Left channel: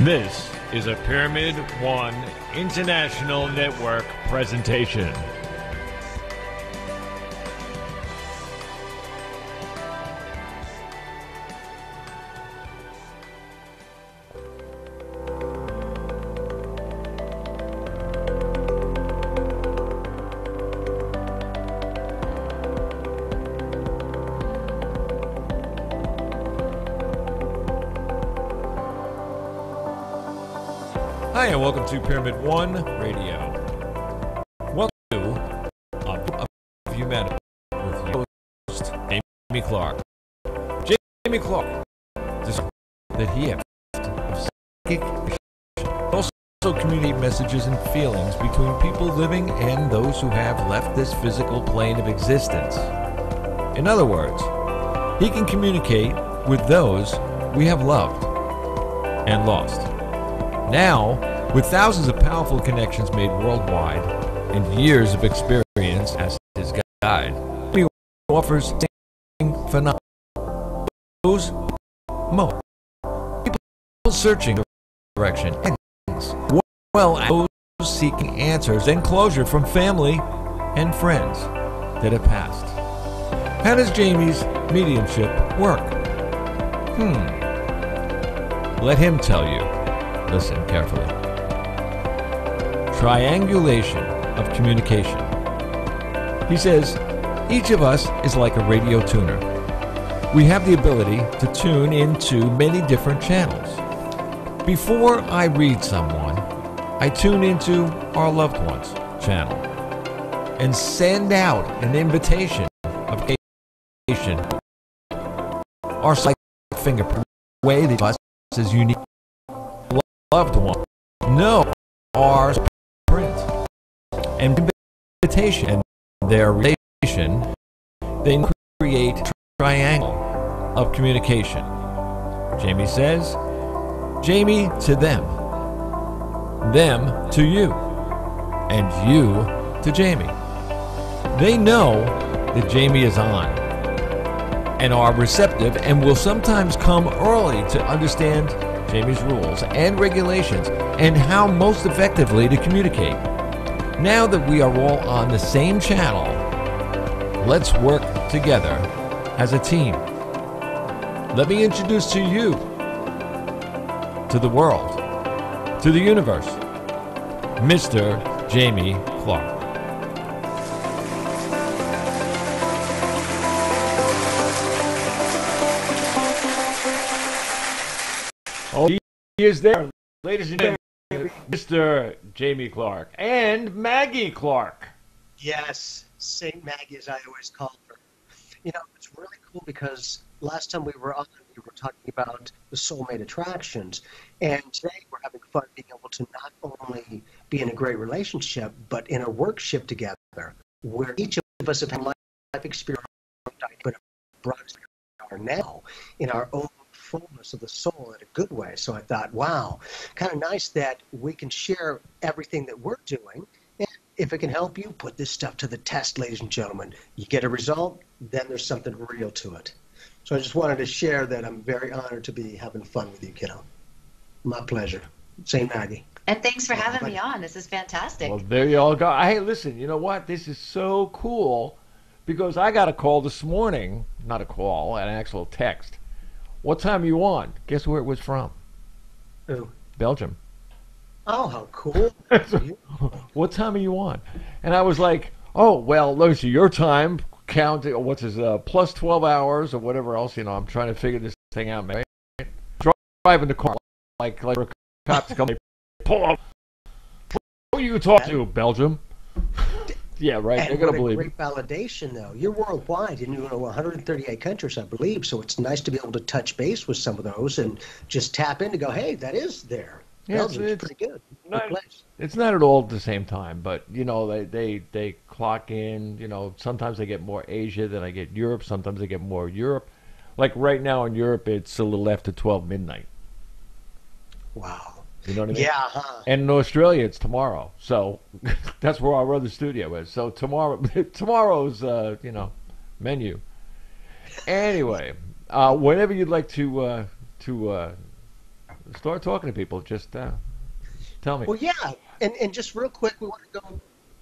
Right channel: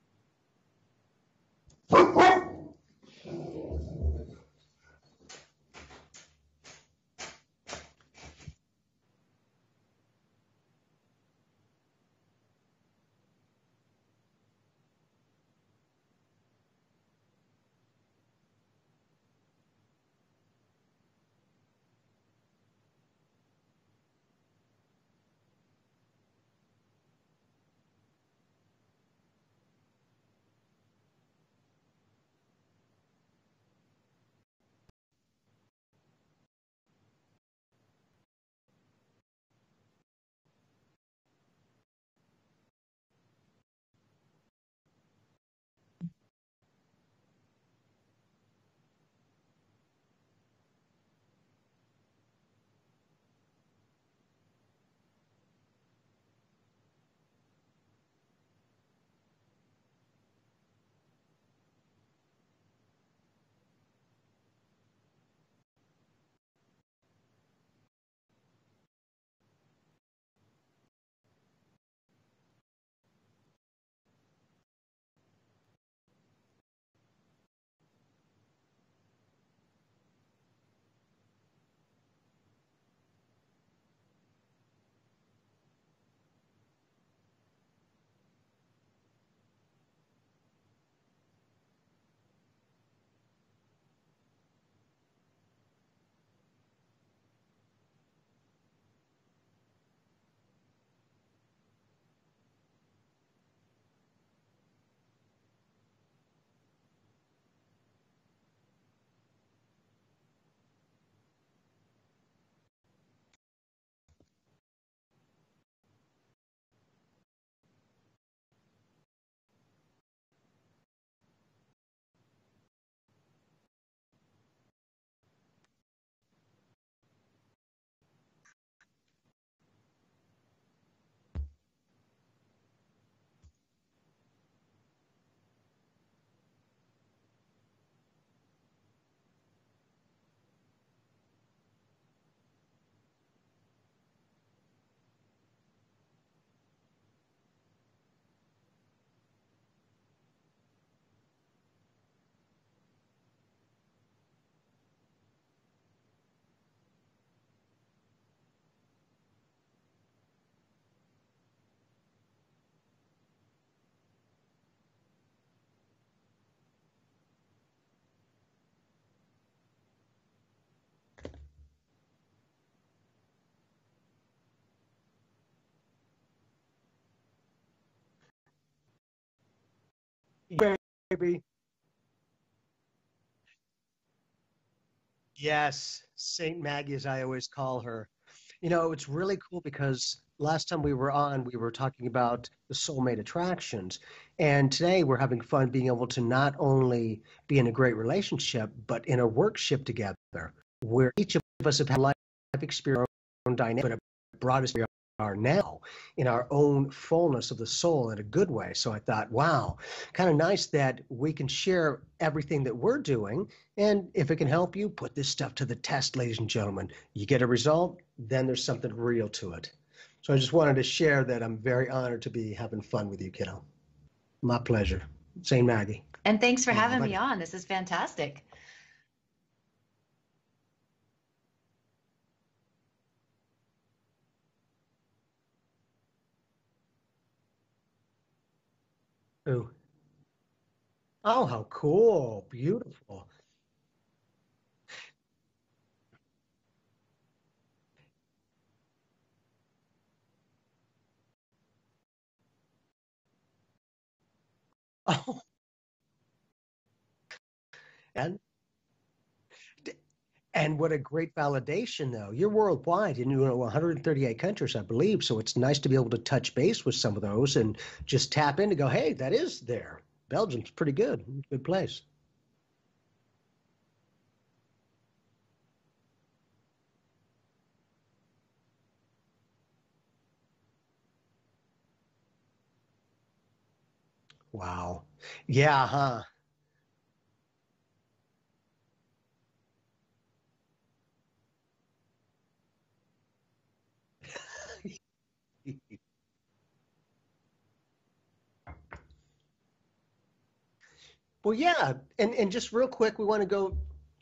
This is a Pyramid One International Network presentation. Hi, and welcome to Pyramid One Radio. Welcome to of Humanity with your host, Maggie Clark. Maggie Clark discovered that he has of psychic also communicate messages and feelings between people living and those who have left this physical plane of existence. In other words, he can communicate with those we have loved and lost. Now, with thousands of powerful connections made worldwide and years of experience as his guide, he offers phenomena. Those most people searching direction as well as those seeking answers and closure from family and friends that have passed. How does Jamie's mediumship work? Let him tell you. Listen carefully. Triangulation of communication. He says, each of us is like a radio tuner. We have the ability to tune into many different channels. Before I read someone, I tune into our loved one's channel and send out an invitation of communication. Our psychic fingerprint, way that us is unique. Loved one know our print and invitation and their relation, they create a triangle of communication. Jamie says, Jamie to them to you, and you to Jamie. They know that Jamie is on and are receptive and will sometimes come early to understand Jamie's rules and regulations and how most effectively to communicate. Now that we are all on the same channel, let's work together as a team. Let me introduce to you, to the world, to the universe, Mr. Jamie Clark. Oh, he is there, ladies and gentlemen, Mr. Jamie Clark and Maggie Clark. Yes, Saint Maggie, as I always call her. You know, it's really cool because last time we were on, we were talking about the soulmate attractions. And today we're having fun being able to not only be in a great relationship, but in a workship together, where each of us have had life experience, our own dynamic, but have brought us where we are now in our own fullness of the soul in a good way. So I thought, wow, kind of nice that we can share everything that we're doing. And if it can help you, put this stuff to the test, ladies and gentlemen. You get a result, then there's something real to it. So I just wanted to share that I'm very honored to be having fun with you, kiddo. My pleasure. Saint Maggie. And thanks for having me on. This is fantastic. Well, there you all go. Hey, listen, you know what? This is so cool because I got a call this morning, not a call, an actual text. What time are you on? Guess where it was from? Ooh. Belgium. Oh, how cool. Beautiful. What time are you on? And I was like, oh, well, let me see, your time, count, what's his, plus 12 hours or whatever else, you know, I'm trying to figure this thing out, man. Driving the car, like a cop to come, pull up. Who are you talking to, Belgium? Yeah, right, And they're going to what a believe great validation, though. You're worldwide, and you're in 138 countries, I believe, so it's nice to be able to touch base with some of those and just tap in and go, hey, that is there. Yeah, Belgium's pretty good. Good place. It's not at all at the same time, but, you know, they clock in, you know, sometimes I get more Asia than I get Europe, sometimes I get more Europe. Like right now in Europe, it's a little after 12 midnight. Wow. You know what I mean? Yeah, huh? And in Australia, it's tomorrow. So that's where our other studio is. So tomorrow's, you know, menu. Anyway, whenever you'd like to start talking to people. Just tell me. Well, yeah, and just real quick, we want to go,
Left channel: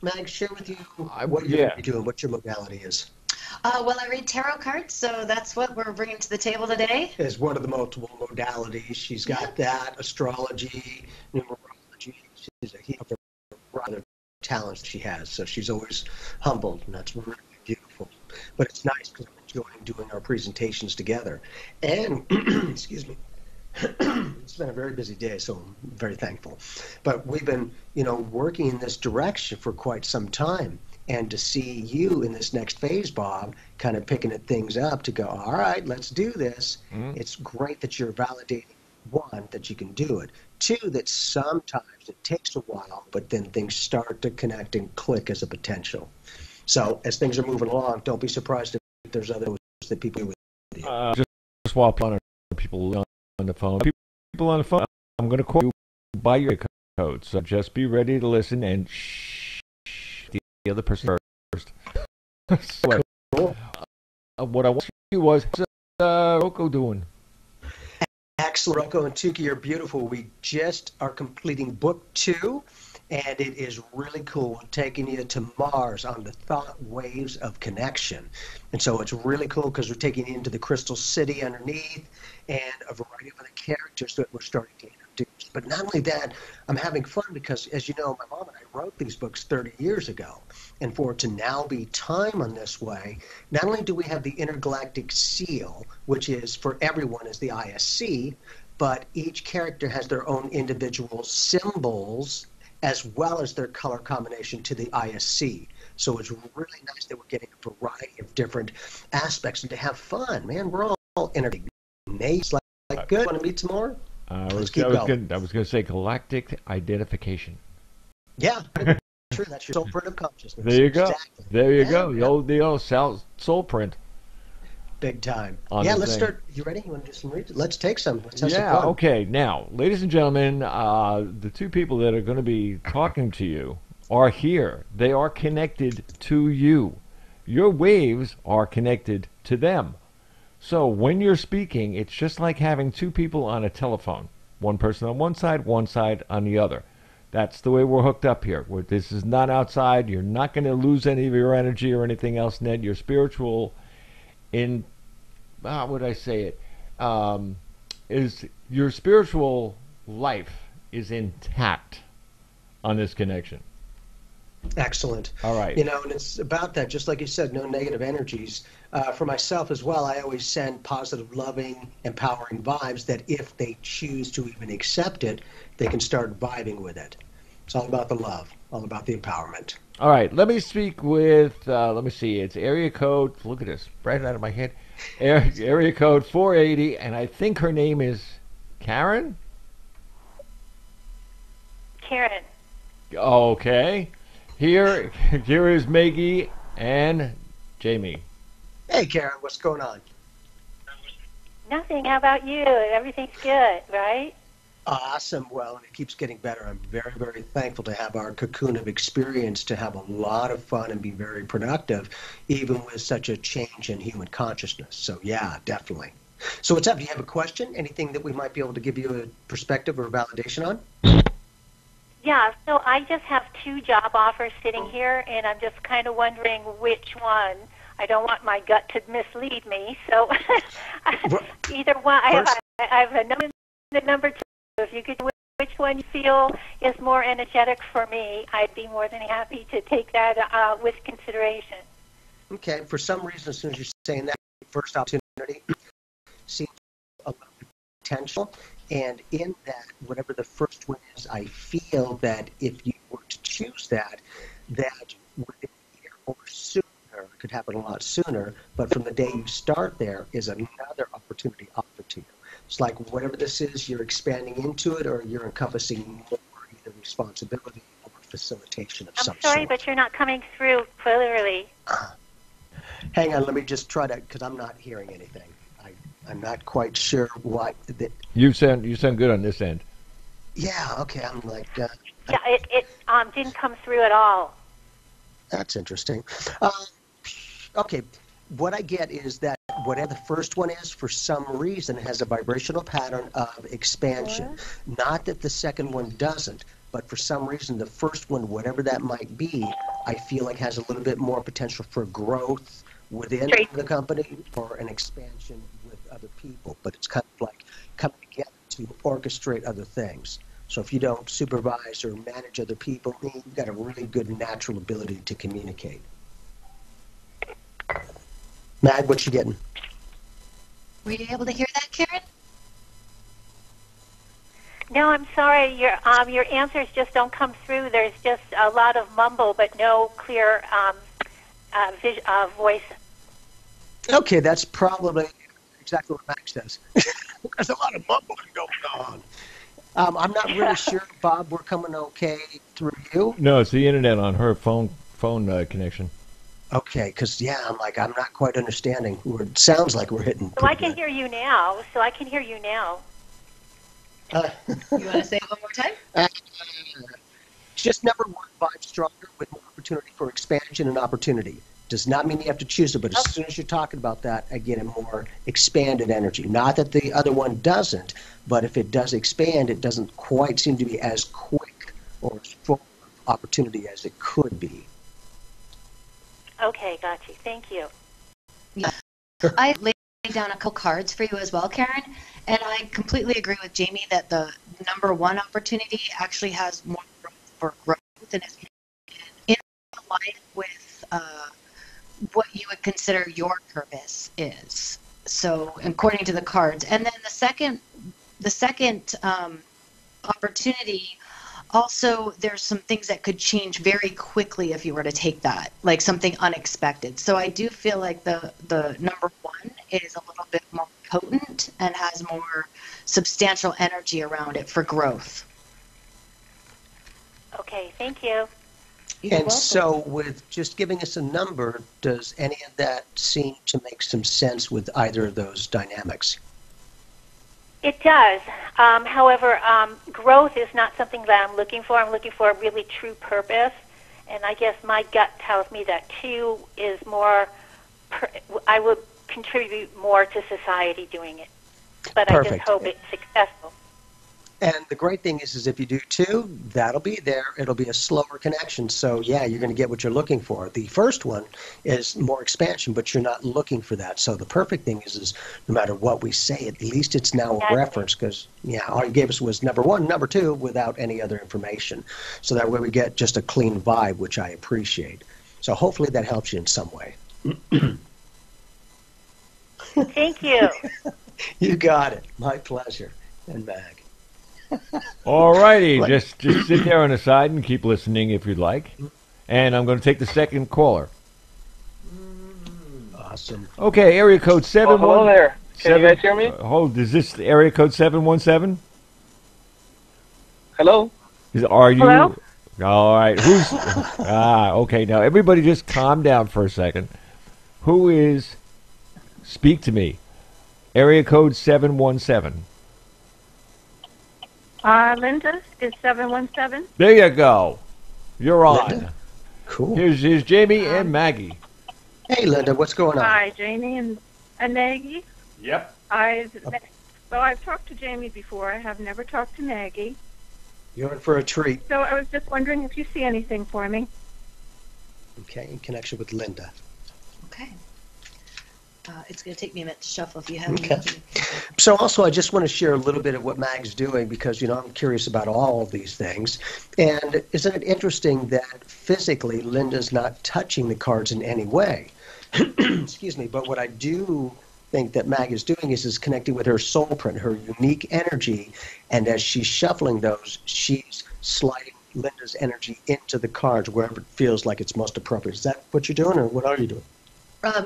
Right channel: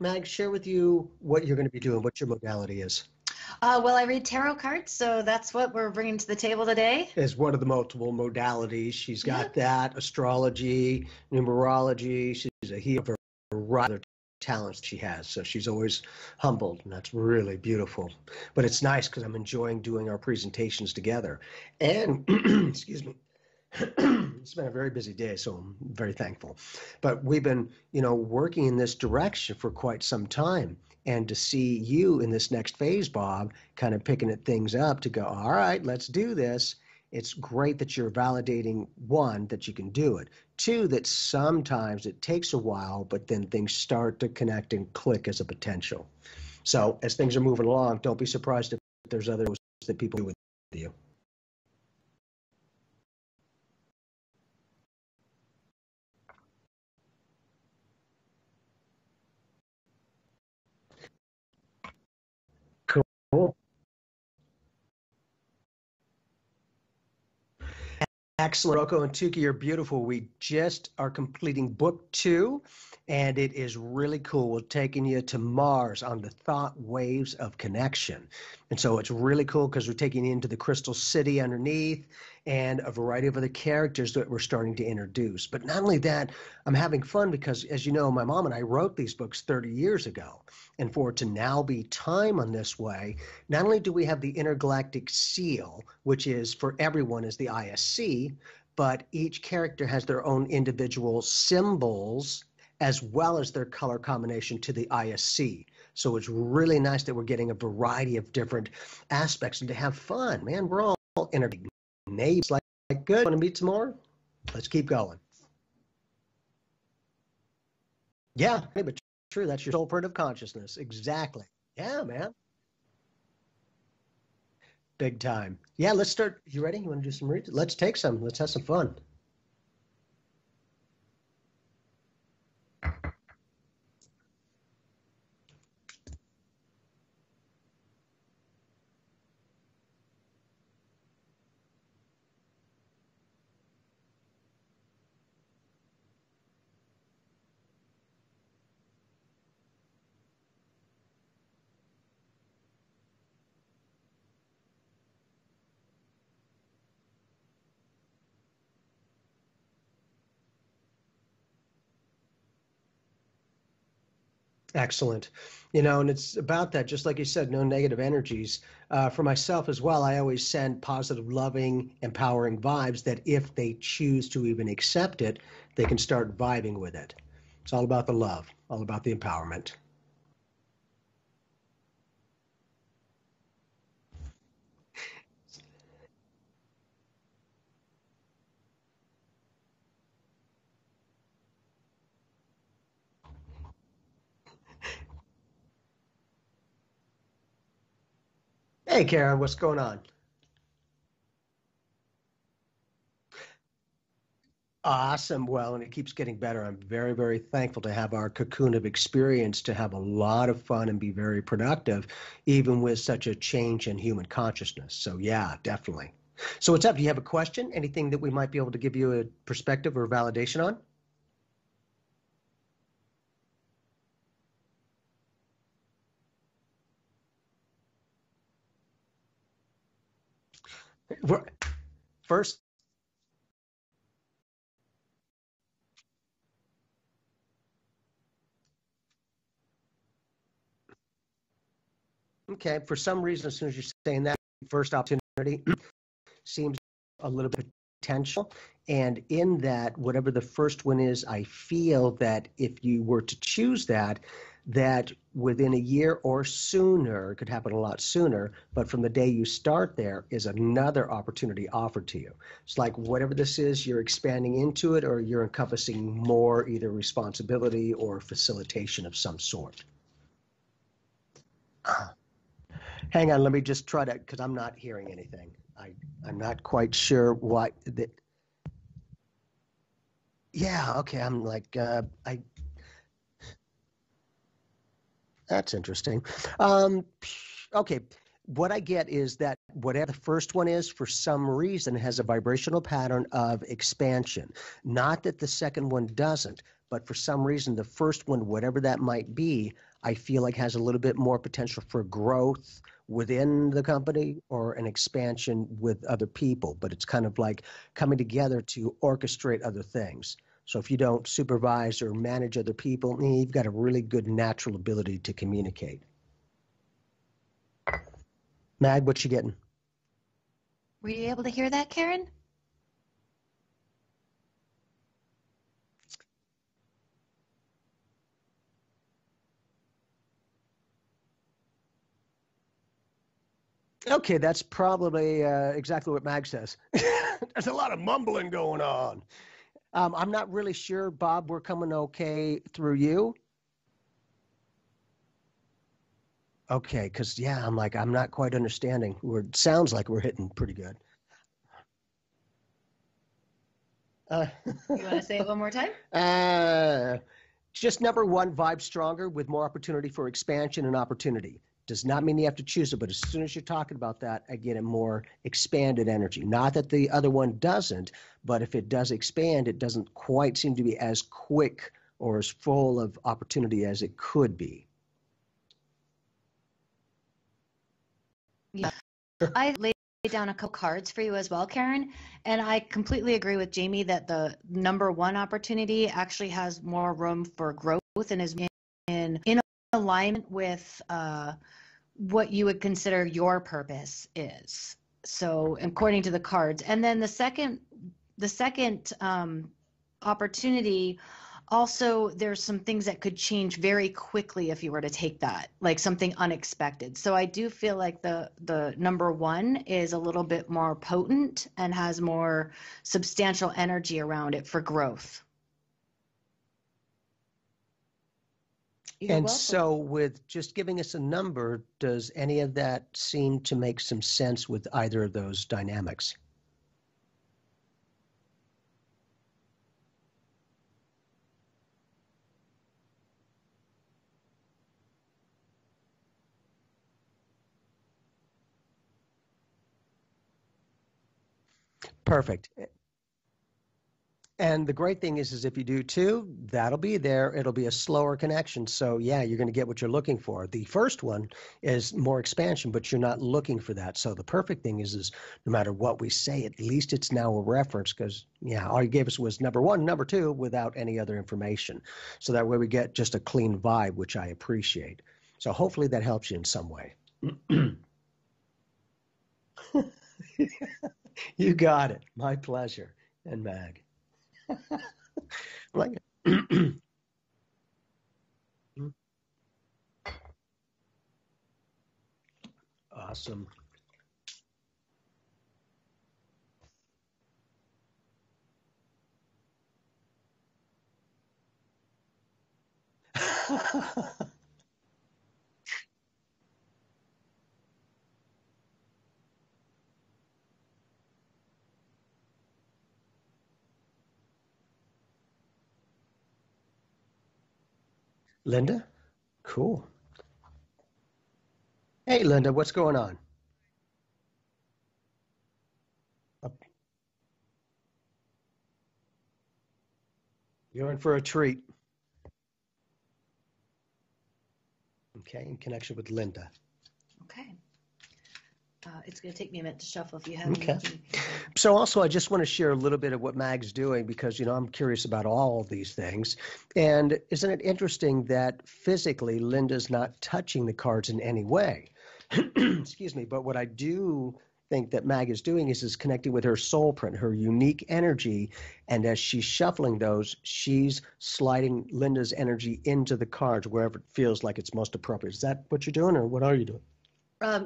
Mag, share with you what you're going Yeah. to be doing, what your modality is. Well, I read tarot cards, so that's what we're bringing to the table today. Is one of the multiple modalities. She's got that, astrology, numerology. She's a healer for a variety of talents she has. So she's always humbled, and that's really beautiful. But it's nice because I'm enjoying doing our presentations together. And, excuse me, it's been a very busy day, so I'm very thankful. But we've been, working in this direction for quite some time. And to see you in this next phase, Bob, kind of picking at things up to go, all right, let's do this. It's great that you're validating, one, that you can do it. Two, that sometimes it takes a while, but then things start to connect and click as a potential. So as things are moving along, don't be surprised if there's others that people do with you. Just while on people on the phone. People on the phone, I'm going to call you by your code. So just be ready to listen and shh the other person first. So, Cool. what I want you was, Rocco doing? Excellent, Rocco and Tuki, you're beautiful. We just are completing book 2, and it is really cool, taking you to Mars on the thought waves of connection. And so it's really cool because we're taking you into the crystal city underneath and a variety of other characters that we're starting to introduce. But not only that, I'm having fun because, as you know, my mom and I wrote these books 30 years ago. And for it to now be time on this way, not only do we have the intergalactic seal, which is for everyone is the ISC, but each character has their own individual symbols as well as their color combination to the ISC. So it's really nice that we're getting a variety of different aspects and to have fun, man. We're all interconnected. Nate's like, good. Want to meet some more? I was going to say galactic identification. Yeah, true. That's your soul print of consciousness. There you go. Exactly. There you Yeah, go. yeah. The old soul print. Big time. On Yeah, the let's thing. start. You ready? You want to do some reading? Let's take some. Let's have some Yeah, fun. okay. Now, ladies and gentlemen, the two people that are going to be talking to you are here. They are connected to you. Your waves are connected to them. So when you're speaking, it's just like having two people on a telephone. One person on one side on the other. That's the way we're hooked up here. This is not outside. You're not going to lose any of your energy or anything else, Ned. Your spiritual how would I say it? Is your spiritual life is intact on this connection. Excellent. All right. And it's about that, just like you said, no negative energies. For myself as well, I always send positive, loving, empowering vibes that if they choose to even accept it, they can start vibing with it. It's all about the love, all about the empowerment. All right. Let me speak with, let me see, it's area code, look at this, right out of my head. Area code 480, and I think her name is Karen? Karen. Okay. Here is Maggie and Jamie. Hey, Karen, what's going on? Nothing. How about you? Everything's good, right? Awesome. Well, and it keeps getting better. I'm very, very thankful to have our cocoon of experience, to have a lot of fun and be very productive, even with such a change in human consciousness. So, yeah, definitely. So what's up? Do you have a question? Anything that we might be able to give you a perspective or validation on? Yeah, so I just have 2 job offers sitting here, and I'm just kind of wondering which one. I don't want my gut to mislead me, so either one. I have a number 2. If you could, which one you feel is more energetic for me, I'd be more than happy to take that with consideration. Okay. For some reason, as soon as you're saying that, first opportunity seems a little bit potential. And in that, whatever the first one is, I feel that if you were to choose that within a year or sooner, it could happen a lot sooner, but from the day you start there is another opportunity offered to you. It's like whatever this is, you're expanding into it or you're encompassing more either responsibility or facilitation of some sort. I'm sorry, but you're not coming through clearly. Hang on, let me just try to, because I'm not hearing anything. I'm not quite sure what. You sound good on this end. Yeah, okay, I'm like. Yeah, it didn't come through at all. That's interesting. Okay, what I get is that whatever the first one is, for some reason, has a vibrational pattern of expansion. Not that the second one doesn't, but for some reason, the first one, whatever that might be, I feel like has a little bit more potential for growth within the company or an expansion with other people. But it's kind of like coming together to orchestrate other things. So if you don't supervise or manage other people, you've got a really good natural ability to communicate. Mag, what you getting? Were you able to hear that, Karen? No, I'm sorry. Your answers just don't come through. There's just a lot of mumble, but no clear voice. Okay, that's probably exactly what Mag says. There's a lot of mumbling going on. I'm not really sure, Bob. We're coming okay through you. No, it's the internet on her phone connection. Okay, because, I'm not quite understanding. It sounds like we're hitting. So I can hear you now. You want to say it one more time? It's just number one, vibe stronger with more opportunity for expansion and opportunity. Does not mean you have to choose it, but as soon as you're talking about that, I get a more expanded energy. Not that the other one doesn't, but if it does expand, it doesn't quite seem to be as quick or as full of opportunity as it could be. Okay, got you. Thank you. Yeah. I laid down a couple cards for you as well, Karen, and I completely agree with Jamie that the number one opportunity actually has more room for growth and is in alignment with what you would consider your purpose is. So, according to the cards, and then the second opportunity. Also, there's some things that could change very quickly if you were to take that, like something unexpected. So I do feel like the number one is a little bit more potent and has more substantial energy around it for growth. Okay, thank you. You're welcome. So with just giving us a number, does any of that seem to make some sense with either of those dynamics? It does. However, growth is not something that I'm looking for. I'm looking for a really true purpose. And I guess my gut tells me that 2 is more, I would contribute more to society doing it. But Perfect. I just hope it's successful. And the great thing is if you do 2, that'll be there. It'll be a slower connection. So, you're going to get what you're looking for. The first one is more expansion, but you're not looking for that. So the perfect thing is no matter what we say, at least it's now a reference because, all you gave us was number 1, number 2 without any other information. So that way we get just a clean vibe, which I appreciate. So hopefully that helps you in some way. Thank you. You got it. My pleasure. And Mag. All righty, just sit there on the side and keep listening if you'd like. And I'm going to take the second caller. Awesome. Okay, area code 717. Hello there. Can you guys hear me? Hold, is this area code 717? Hello? Are you? Hello? All right. Who's? Okay. Now everybody, just calm down for a second. Who is? Speak to me. Area code 717. Linda is 717. There you go. You're on. Linda? Cool. Here's Jamie and Maggie. Hey, Linda, what's going on? Hi, Jamie and Maggie. Yep. I've talked to Jamie before. I have never talked to Maggie. You're in for a treat. So I was just wondering if you see anything for me. Okay, in connection with Linda. Okay. It's going to take me a minute to shuffle if you have Okay. So also, I just want to share a little bit of what Mag's doing because, I'm curious about all of these things. And isn't it interesting that physically Linda's not touching the cards in any way? Excuse me. But what I do think that Mag is doing is connecting with her soul print, her unique energy. And as she's shuffling those, she's sliding Linda's energy into the cards wherever it feels like it's most appropriate. Is that what you're doing, or what are you doing?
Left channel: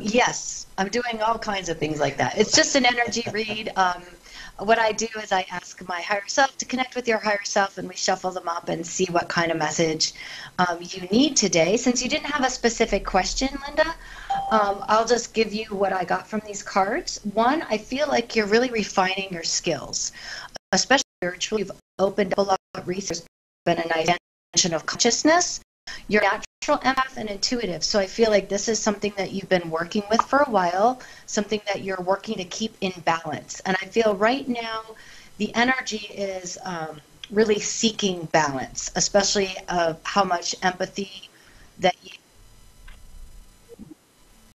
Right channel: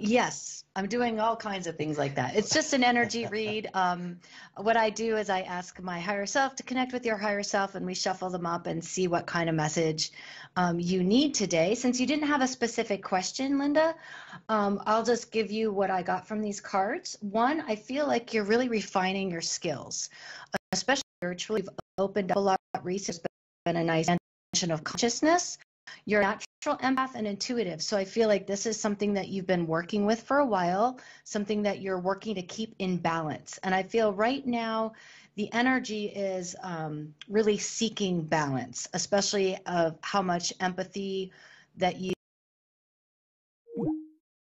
Yes, I'm doing all kinds of things like that. It's just an energy read. What I do is I ask my higher self to connect with your higher self, and we shuffle them up and see what kind of message you need today. Since you didn't have a specific question, Linda, I'll just give you what I got from these cards. One, I feel like you're really refining your skills, especially spiritually. You've opened up a lot of research. There's been a nice expansion of consciousness. You're naturally empath and intuitive. So I feel like this is something that you've been working with for a while, something that you're working to keep in balance. And I feel right now the energy is really seeking balance, especially of how much empathy that you